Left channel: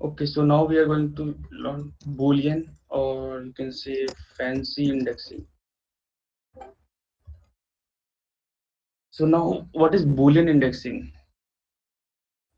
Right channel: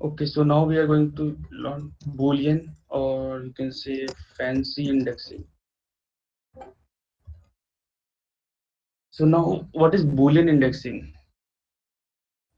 Okay, so now we are going to learn Boolean, or you can say fancy indexing. So now, what is Boolean indexing?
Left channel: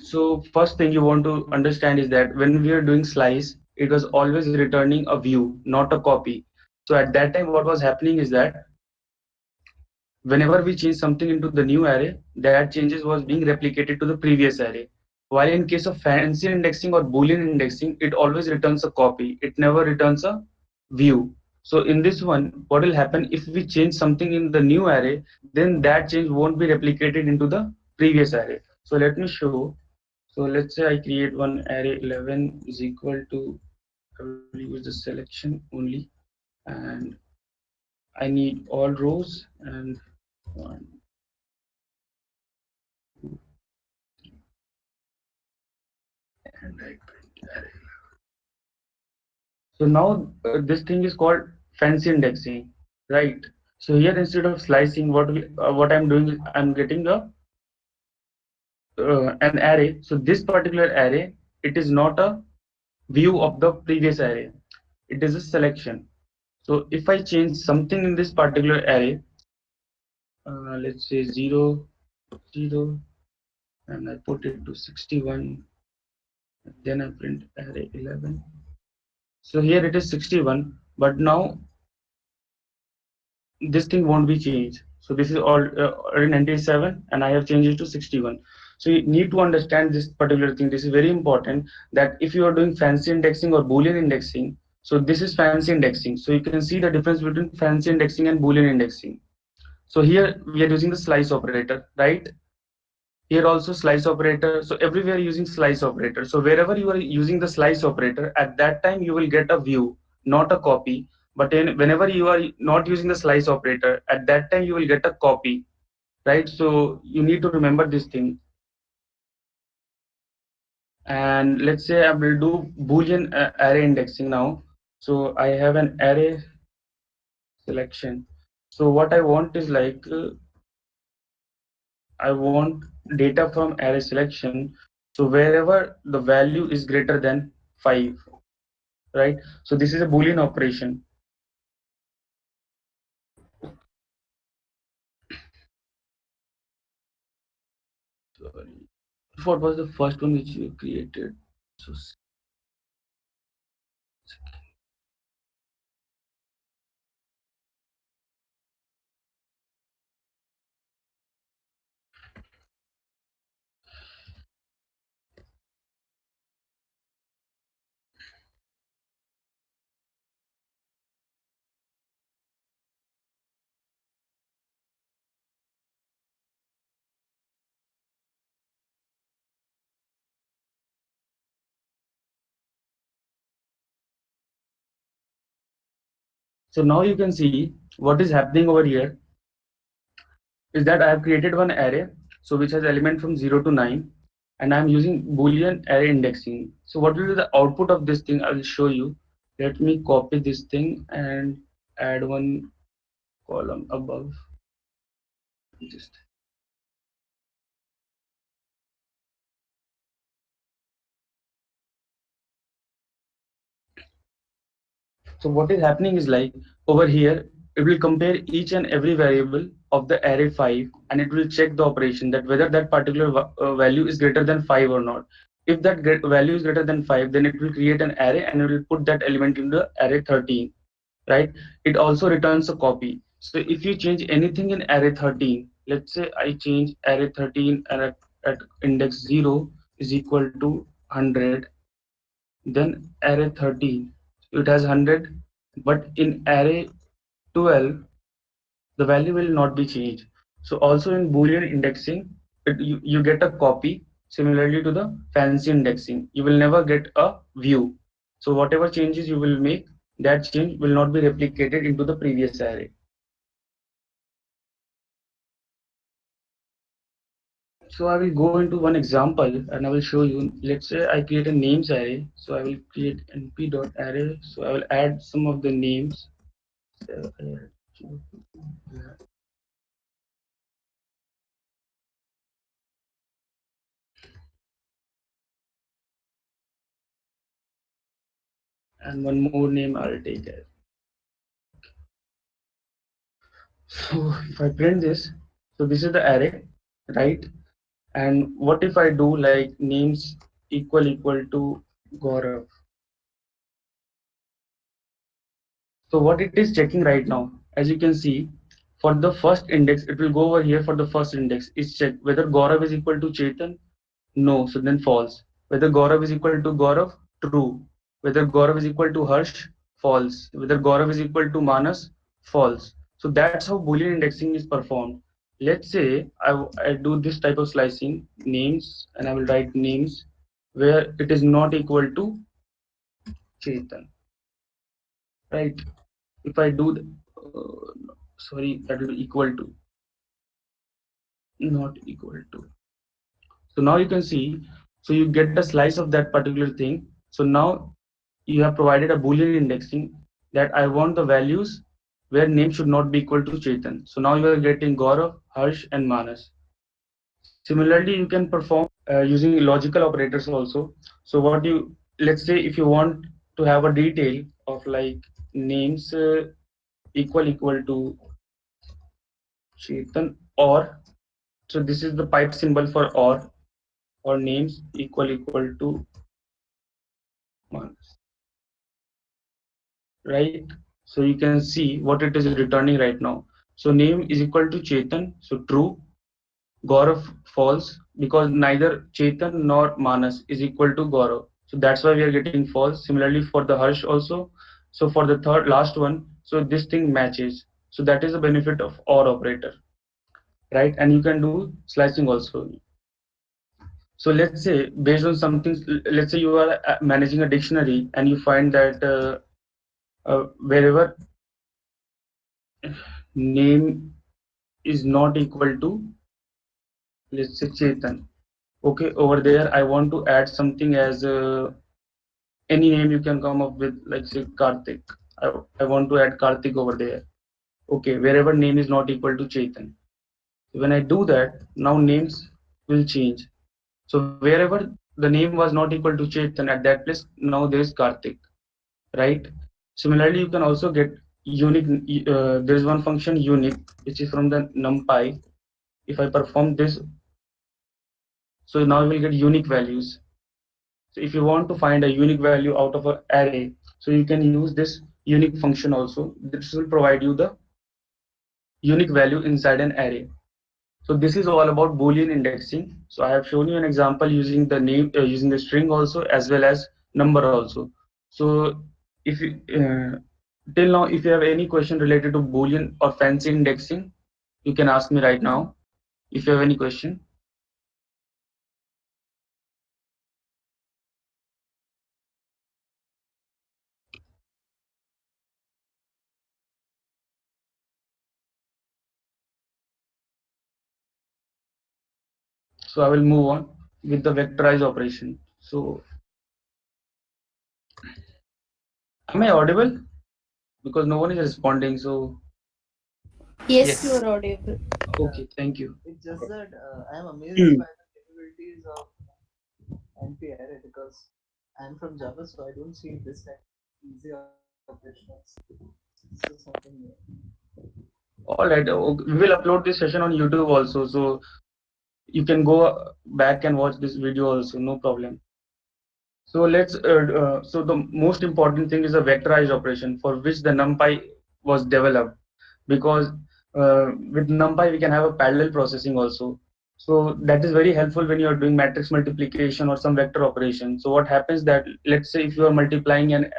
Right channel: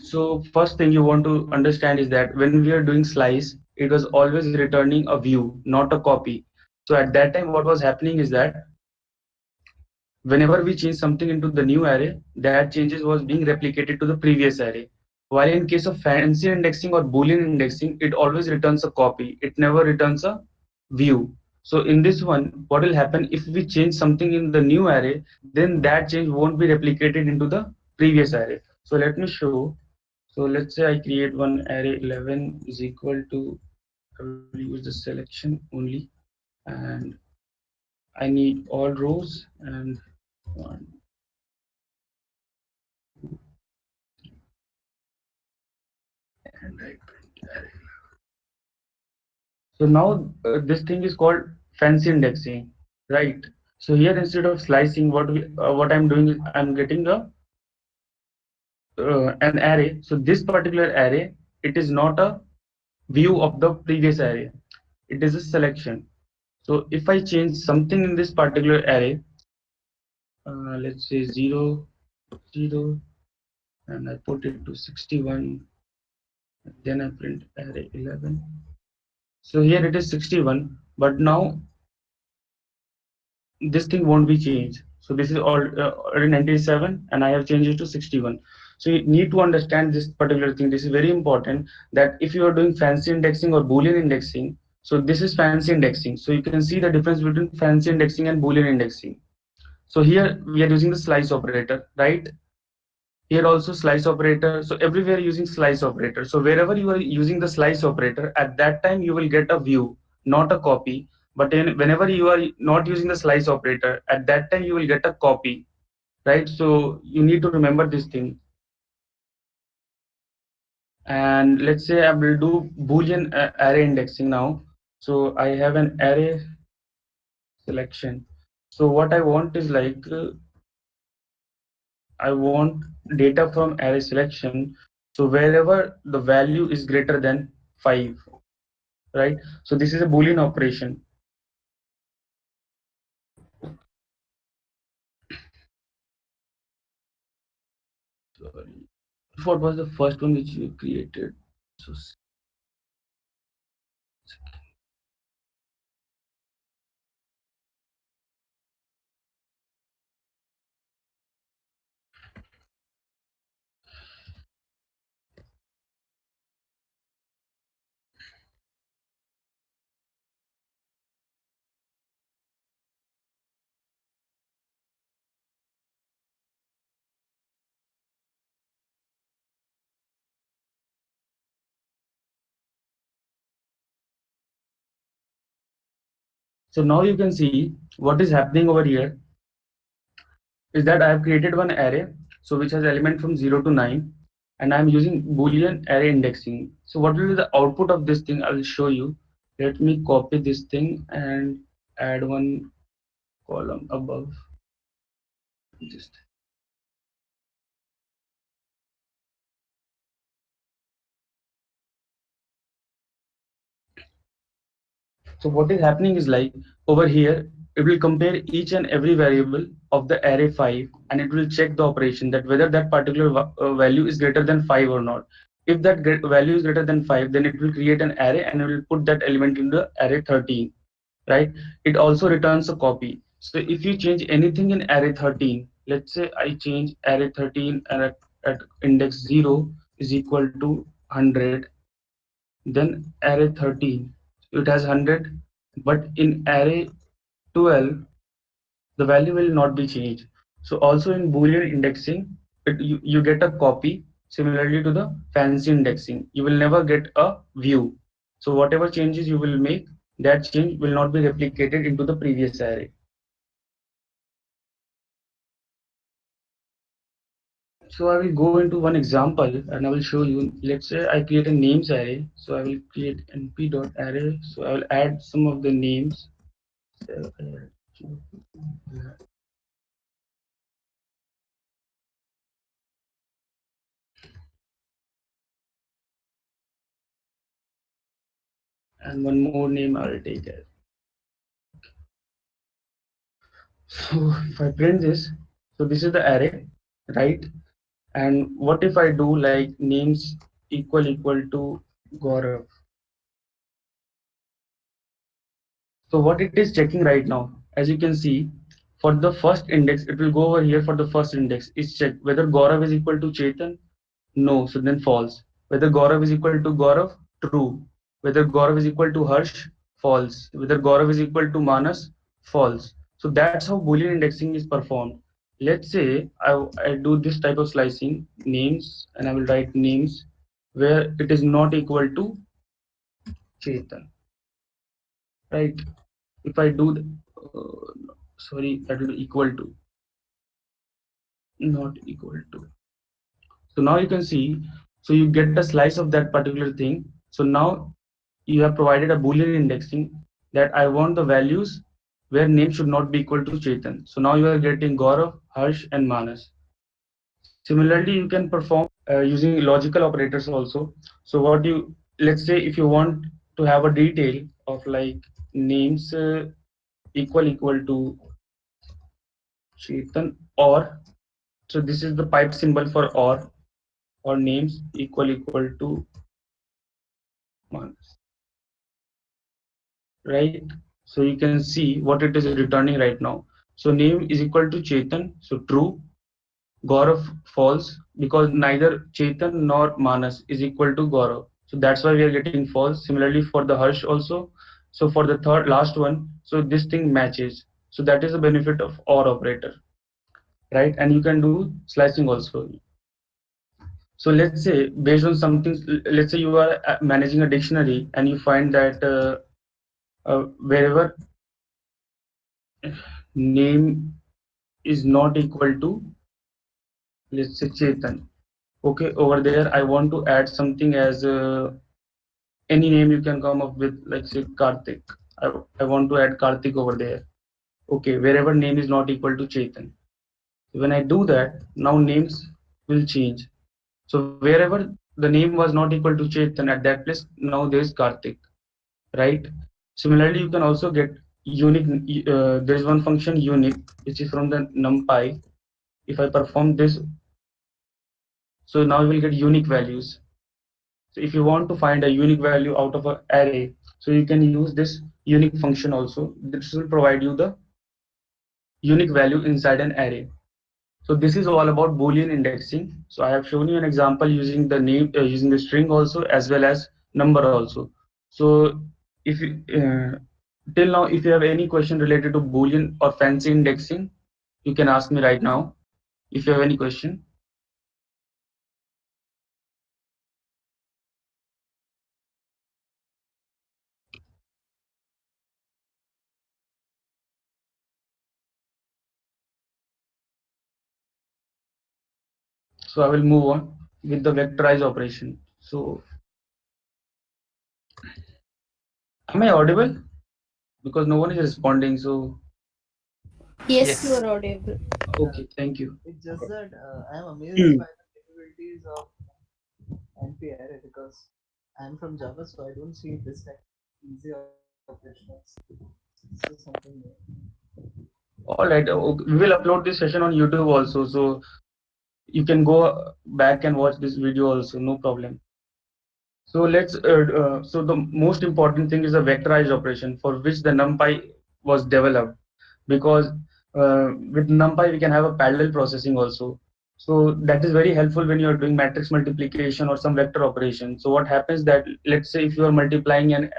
So first thing you want to understand is that when we are doing slice, it was always returning a view, not a copy. So at that time, what was happening is that whenever we change something into the new array, that changes was being replicated to the previous array. While in case of fancy indexing or Boolean indexing, it always returns a copy. It never returns a view. So in this one, what will happen if we change something in the new array, then that change won't be replicated into the previous array. So let me show. So let's say I create one array 11 is equal to, I will use the selection only, and I need all rows and one, and I print array. So now this thing is called fancy indexing, right? So here instead of slicing, what I'm doing is I'm getting an array. So this particular array, it is not a view of the previous array. It is a selection. So if I change something in this particular array, let's say 0, 0, and I put it to 61, then I print array 11. So here it is 61, but now this thing won't be changed. So this is already 97 and I have changed it to 61. So you need to understand this particular thing. This is very important, that if you are doing fancy indexing or Boolean indexing, so this is fancy indexing. So you can see the difference between fancy indexing and Boolean indexing. So here we are using the slice operator, right? Here also slice operator. So everywhere using slice operator. So wherever you are using the slice operator, at that time you will get a view, not a copy. But whenever you are not using the slice operator, at that time you will get a copy, right? So you need to remember this thing. And let's say I will do Boolean array indexing now. So I have an array selection. So what I want is like I want data from array selection. So wherever the value is greater than 5, right? So this is a Boolean operation. Sorry. What was the first one which you created? So, so now you can see what is happening over here is that I have created one array, so which has element from 0 to 9, and I'm using Boolean array indexing. So what will be the output of this thing? I will show you. Let me copy this thing and add one column above. Just so what is happening is like over here, it will compare each and every variable of the array 5, and it will check the operation that whether that particular value is greater than 5 or not. If that value is greater than 5, then it will create an array and it will put that element into the array 13, right? It also returns a copy. So if you change anything in array 13, let's say I change array 13 and at index 0 is equal to 100, then array 13, it has 100, but in array 12 the value will not be changed. So also in Boolean indexing, you get a copy. Similarly to the fancy indexing, you will never get a view. So whatever changes you will make, that change will not be replicated into the previous array. So I will go into one example and I will show you. Let's say I create a names array. So I will create np.array. So I will add some of the names. So, and one more name I'll take it. So if I print this, so this is the array, right? And what if I do like names equal to Gaurav? So what it is checking right now, as you can see, for the first index, it will go over here for the first index. It's check whether Gaurav is equal to Chetan. No, so then false. Whether Gaurav is equal to Gaurav, true. Whether Gaurav is equal to Harsh, false. Whether Gaurav is equal to Manas, false. So that's how Boolean indexing is performed. Let's say I do this type of slicing, names, and I will write names where it is not equal to Chetan, right? If I do, sorry, that will be equal to, not equal to. So now you can see, so you get a slice of that particular thing. So now you have provided a Boolean indexing that I want the values where name should not be equal to Chetan. So now you are getting Gaurav, Harsh, and Manas. Similarly, you can perform using logical operators also. So what you, let's say if you want to have a detail of like names equal to Chetan, or so this is the pipe symbol for or names equal to Manas, right? So you can see what it is returning right now. So name is equal to Chetan, so true. Gaurav false because neither Chetan nor Manas is equal to Gaurav. So that's why we are getting false. Similarly for the Harsh also. So for the third last one, so this thing matches. So that is the benefit of OR operator, right? And you can do slicing also. So let's say based on something, let's say you are managing a dictionary and you find that wherever name is not equal to, let's say Chetan. Okay, over there I want to add something as any name you can come up with, like say Karthik. I want to add Karthik over there. Okay, wherever name is not equal to Chetan. When I do that, now names will change. So wherever the name was not equal to Chetan, at that place now there is Karthik, right? Similarly, you can also get unique. There is one function unique, which is from the NumPy. If I perform this, so now you will get unique values. So if you want to find a unique value out of an array, so you can use this unique function also. This will provide you the unique value inside an array. So this is all about Boolean indexing. So I have shown you an example using the name, using the string also, as well as number also. So if you, till now, if you have any question related to Boolean or fancy indexing, you can ask me right now. If you have any question, so I will move on with the vectorized operation. So am I audible? Because no one is responding. So Yes, you yes. are audible. Okay, thank you. It's just that I am amazed Hmm. by the capabilities of NP array because I'm from Java, so I don't see this type of easy operations. This is something new. All right, we will upload this session on YouTube also, so you can go back and watch this video also, no problem. So so the most important thing is a vectorized operation for which the NumPy was developed, because with NumPy we can have a parallel processing also. So that is very helpful when you are doing matrix multiplication or some vector operation. So what happens that, let's say if you are multiplying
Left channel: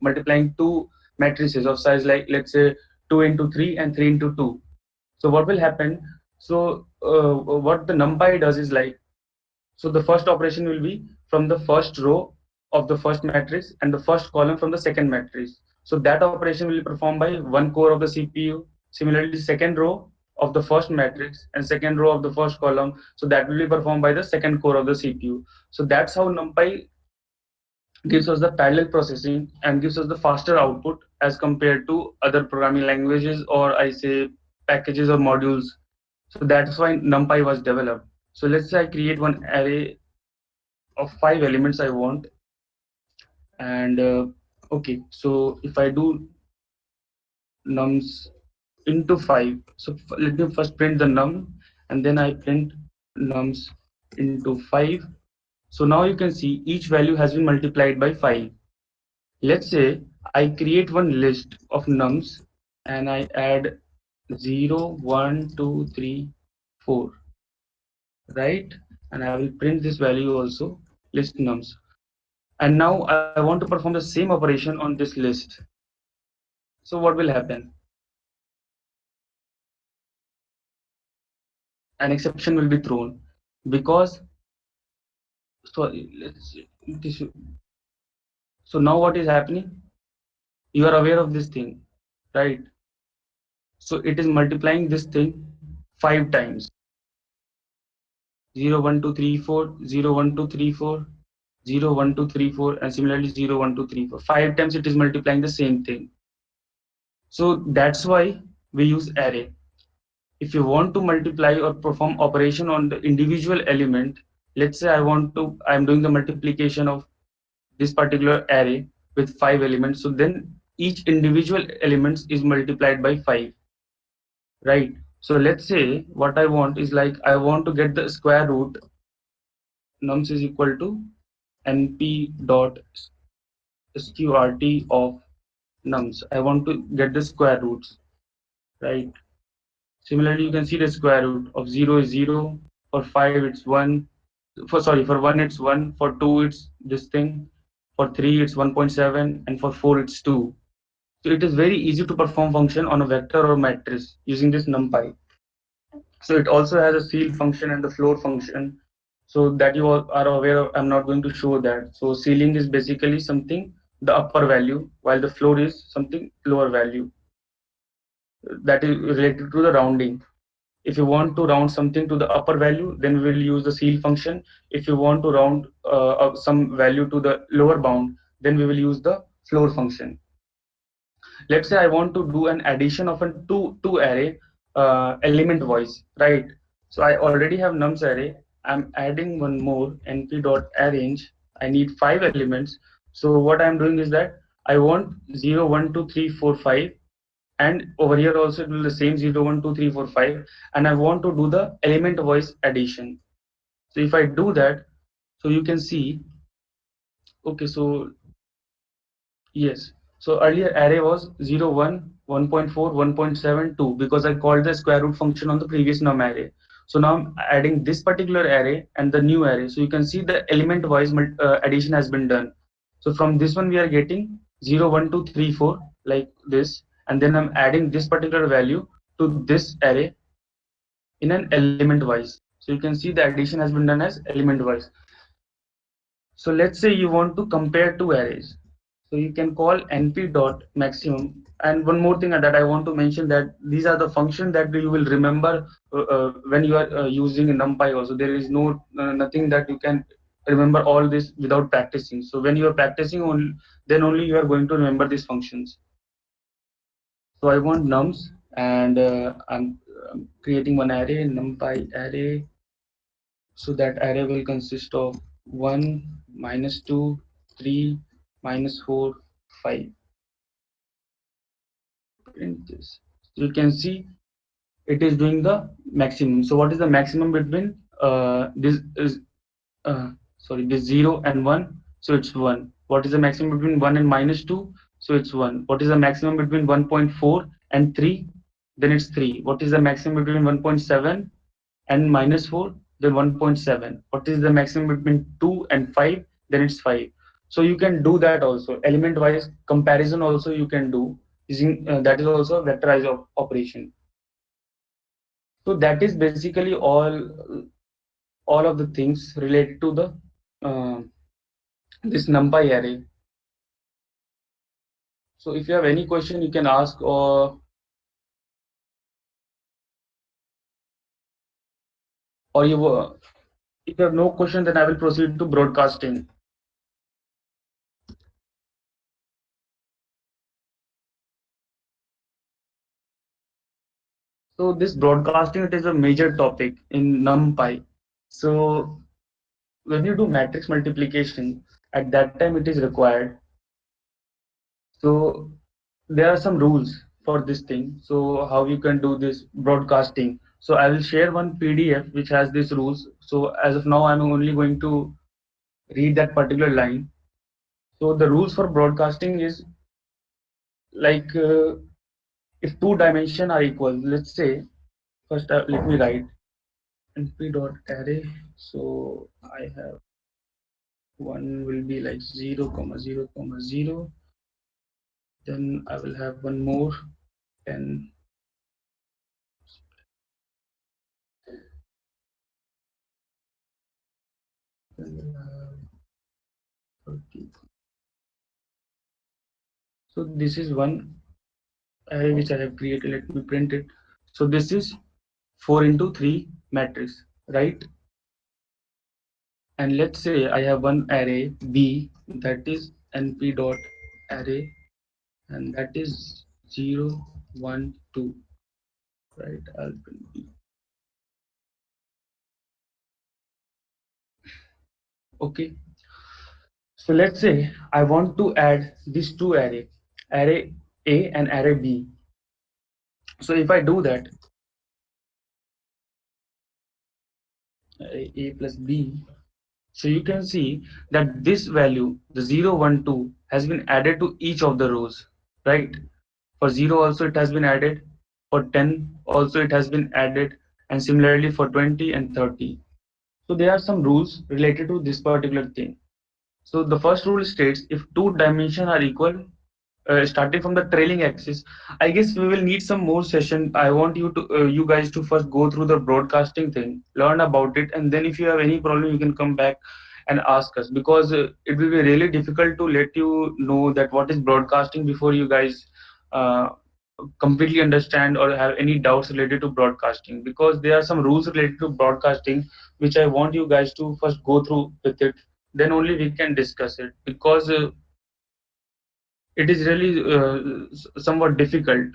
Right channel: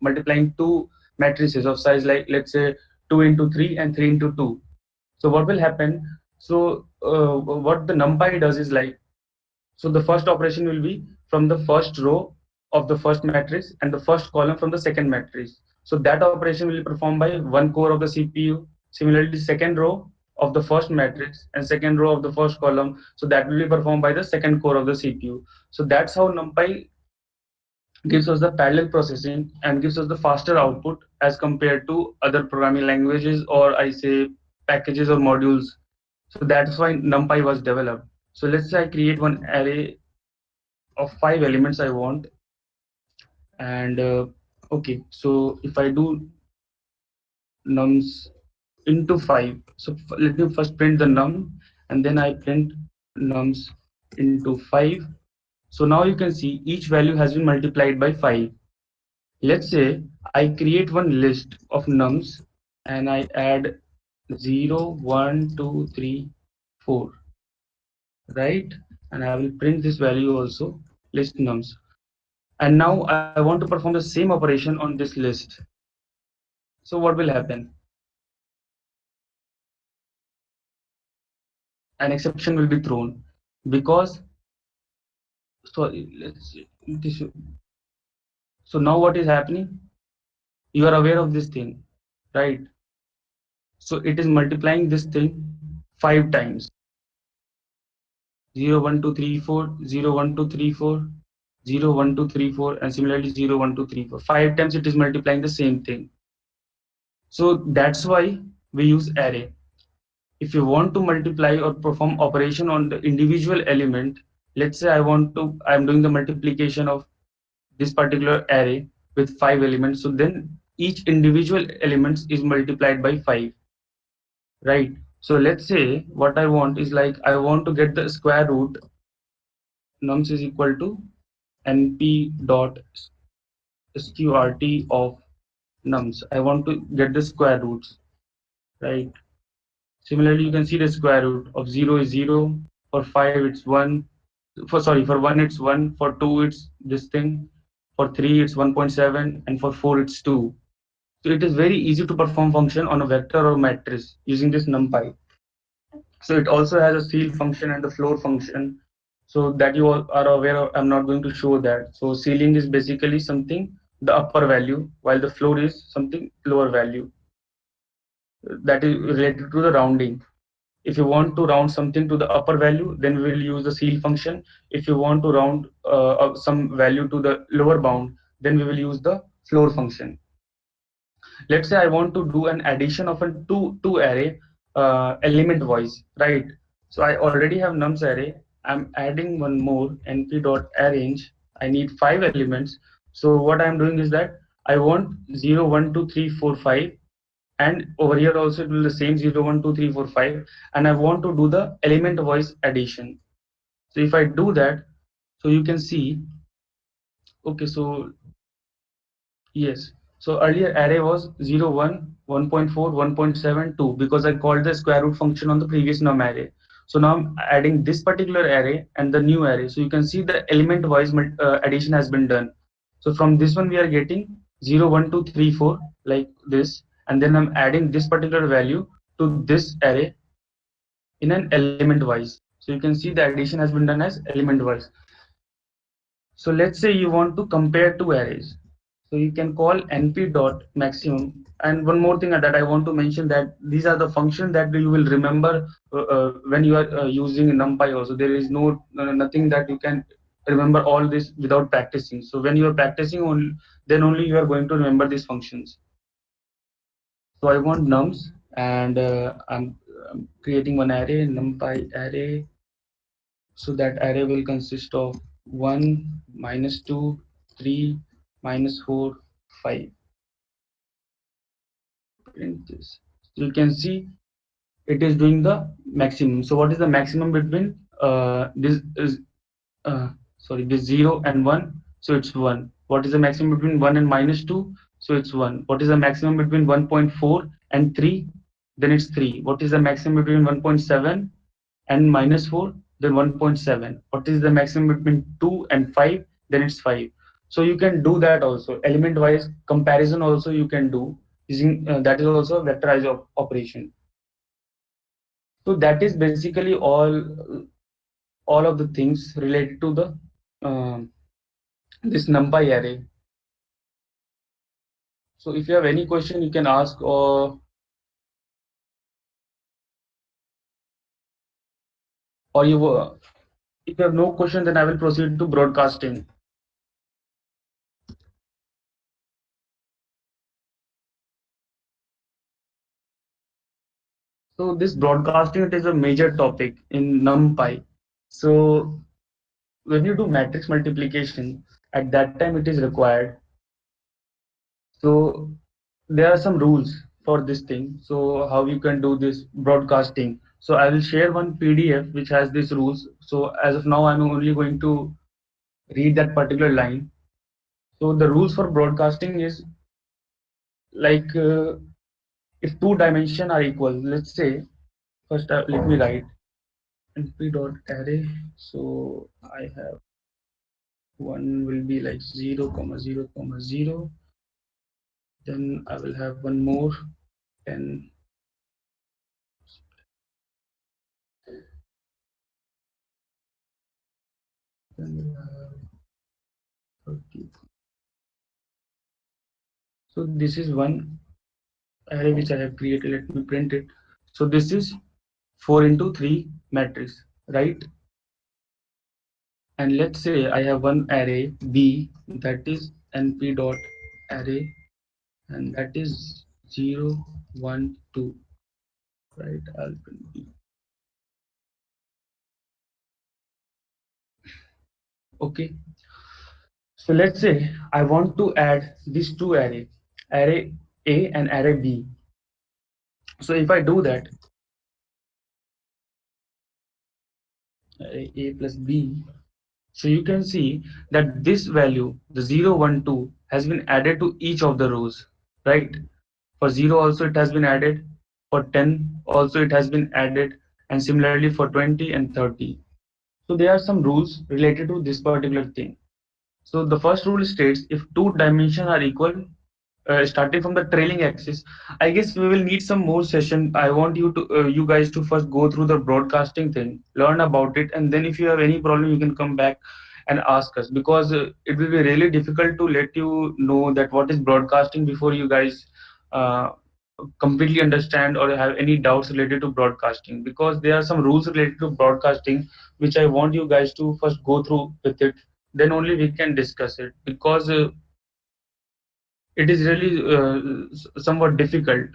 multiplying two matrices of size, like let's say 2 into 3 and 3 into 2. So what will happen? So what the NumPy does is like, so the first operation will be from the first row of the first matrix and the first column from the second matrix. So that operation will be performed by one core of the CPU. Similarly, second row of the first matrix and second row of the first column. So that will be performed by the second core of the CPU. So that's how NumPy gives us the parallel processing and gives us the faster output as compared to other programming languages, or I say packages or modules. So that's why NumPy was developed. So let's say I create one array of 5 elements I want, and Okay, so if I do nums into 5, so let me first print the num and then I print nums into 5. So now you can see each value has been multiplied by 5. Let's say I create one list of nums and I add 0, 1, 2, 3, 4, right? And I will print this value also, list nums. And now I want to perform the same operation on this list. So what will happen? An exception will be thrown because, so let's see, this, so now what is happening? You are aware of this thing, right? So it is multiplying this thing 5 times. 0, 1, 2, 3, 4, 0, 1, 2, 3, 4, 0, 1, 2, 3, 4, and similarly 0, 1, 2, 3, 4. 5 times it is multiplying the same thing. So that's why we use array. If you want to multiply or perform operation on the individual element, let's say I'm doing the multiplication of this particular array with 5 elements. So then each individual elements is multiplied by 5, right? So let's say what I want is like I want to get the square root nums is equal to np dot sqrt of nums. I want to get the square roots, right? Similarly, you can see the square root of 0 is 0, for 5 it's 1, for 1 it's 1, for 2 it's this thing, for 3 it's 1.7, and for 4 it's 2. So it is very easy to perform function on a vector or matrix using this NumPy. So it also has a ceil function and the floor function. So that you all are aware of, I'm not going to show that. So ceiling is basically something the upper value, while the floor is something lower value. That is related to the rounding. If you want to round something to the upper value, then we will use the ceil function. If you want to round some value to the lower bound, then we will use the floor function. Let's say I want to do an addition of a two array element wise, right? So I already have nums array. I'm adding one more np dot arrange. I need 5 elements. So what I'm doing is that I want 0, 1, 2, 3, 4, 5, and over here also it will the same 0, 1, 2, 3, 4, 5, and I want to do the element wise addition. So if I do that, so you can see, okay, so yes. So earlier array was 0, 1, 1.4, 1.7, 2 because I called the square root function on the previous num array. So now I'm adding this particular array and the new array. So you can see the element wise addition has been done. So from this one we are getting 0, 1, 2, 3, 4 like this, and then I'm adding this particular value to this array in an element wise. So you can see the addition has been done as element wise. So let's say you want to compare two arrays. So you can call np dot maximum. And one more thing that I want to mention, that these are the functions that you will remember when you are using NumPy also. There is nothing that you can remember all this without practicing. So when you are practicing only, then only you are going to remember these functions. So I want nums, and I'm creating one array, NumPy array. So that array will consist of 1, minus 2, 3, minus 4, 5. Print this. So you can see it is doing the maximum. So what is the maximum between this is sorry, this 0 and 1? So it's 1. What is the maximum between 1 and minus 2? So it's 1. What is the maximum between 1.4 and 3? Then it's 3. What is the maximum between 1.7 and minus 4? Then 1.7. What is the maximum between 2 and 5? Then it's 5. So you can do that also. Element wise comparison also you can do using that is also a vectorized operation. So that is basically all of the things related to the uh, this NumPy array. So if you have any question, you can ask, or you if you have no question, then I will proceed to broadcasting. So this broadcasting, it is a major topic in NumPy. So when you do matrix multiplication, at that time it is required So there are some rules for this thing. So how you can do this broadcasting. So I will share one PDF which has these rules. So as of now, I'm only going to read that particular line. So the rules for broadcasting is like if two dimension are equal, let's say first let me write np dot array. So I have one will be like 0 comma 0 comma 0. Then I will have one more 10. Then we have 30. So this is one array which I have created. Let me print it. So this is 4 into 3 matrix, right? And let's say I have one array B, that is np dot array, and that is 0 1 2, right? I'll print B. Okay. So let's say I want to add these two array A and array B. So if I do that, array A plus B, so you can see that this value, the 0 1 2, has been added to each of the rows, right? For 0 also it has been added, for 10 also it has been added, and similarly for 20 and 30. So there are some rules related to this particular thing. So the first rule states if two dimensions are equal, starting from the trailing axis. I guess we will need some more session. I want you guys to first go through the broadcasting thing, learn about it, and then if you have any problem, you can come back and ask us, because it will be really difficult to let you know that what is broadcasting before you guys uh, completely understand or have any doubts related to broadcasting, because there are some rules related to broadcasting which I want you guys to first go through with it, then only we can discuss it, because it is really somewhat difficult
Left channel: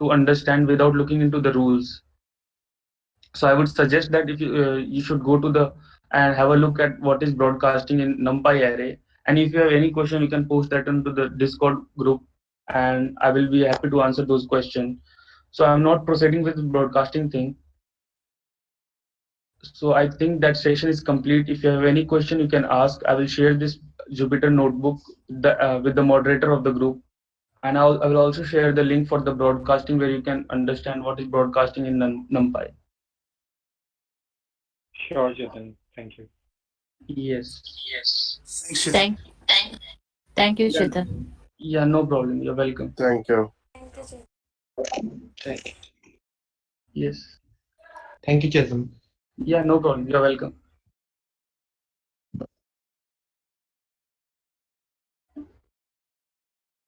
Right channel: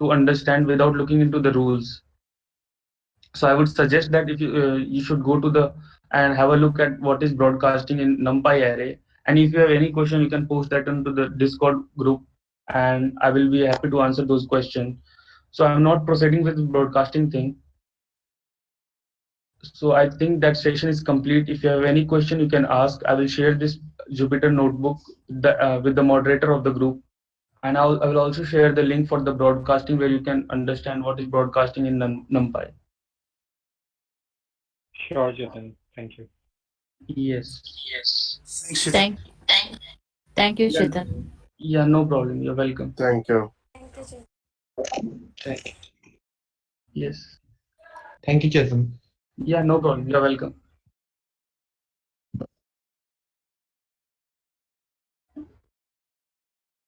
to understand without looking into the rules. So I would suggest that if you should go to the and have a look at what is broadcasting in NumPy array, and if you have any question, you can post that into the Discord group, and I will be happy to answer those questions. So I'm not proceeding with the broadcasting thing. So I think that session is complete. If you have any question, you can ask. I will share this Jupyter notebook with the moderator of the group, and I will also share the link for the broadcasting where you can understand what is broadcasting in NumPy. Sure, Chetan. Thank you. Yes. Thanks, Chetan. Thank, thank you, Yeah, Chetan. yeah, no problem. You're welcome. Thank you. Thank, Yes. thank you, Chetan. Yeah, no problem. You're welcome.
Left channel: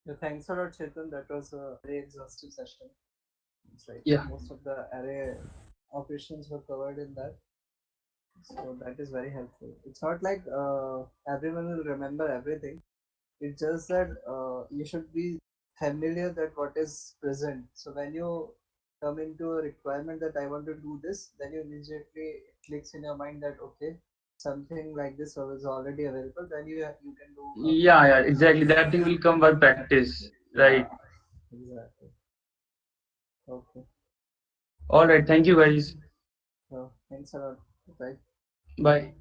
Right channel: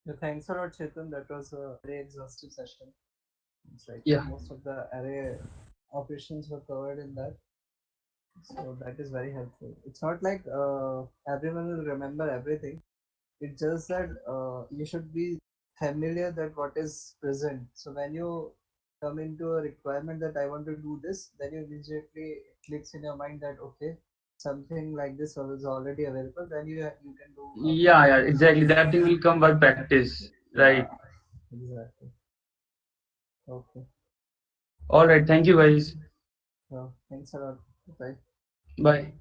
Yeah, thanks a lot, Chetan. That was a very exhaustive session. It's like Yeah. most of the array operations were covered in that. So that is very helpful. It's not like everyone will remember everything. It's just that you should be familiar that what is present. So when you come into a requirement that I want to do this, then you immediately clicks in your mind that okay, something like this is already available. Then you can do a Yeah, proper yeah, use of exactly. it. That thing will come by practice, right? Yeah, exactly. Okay. All right. Thank you, guys. Thanks a lot. Bye. Bye.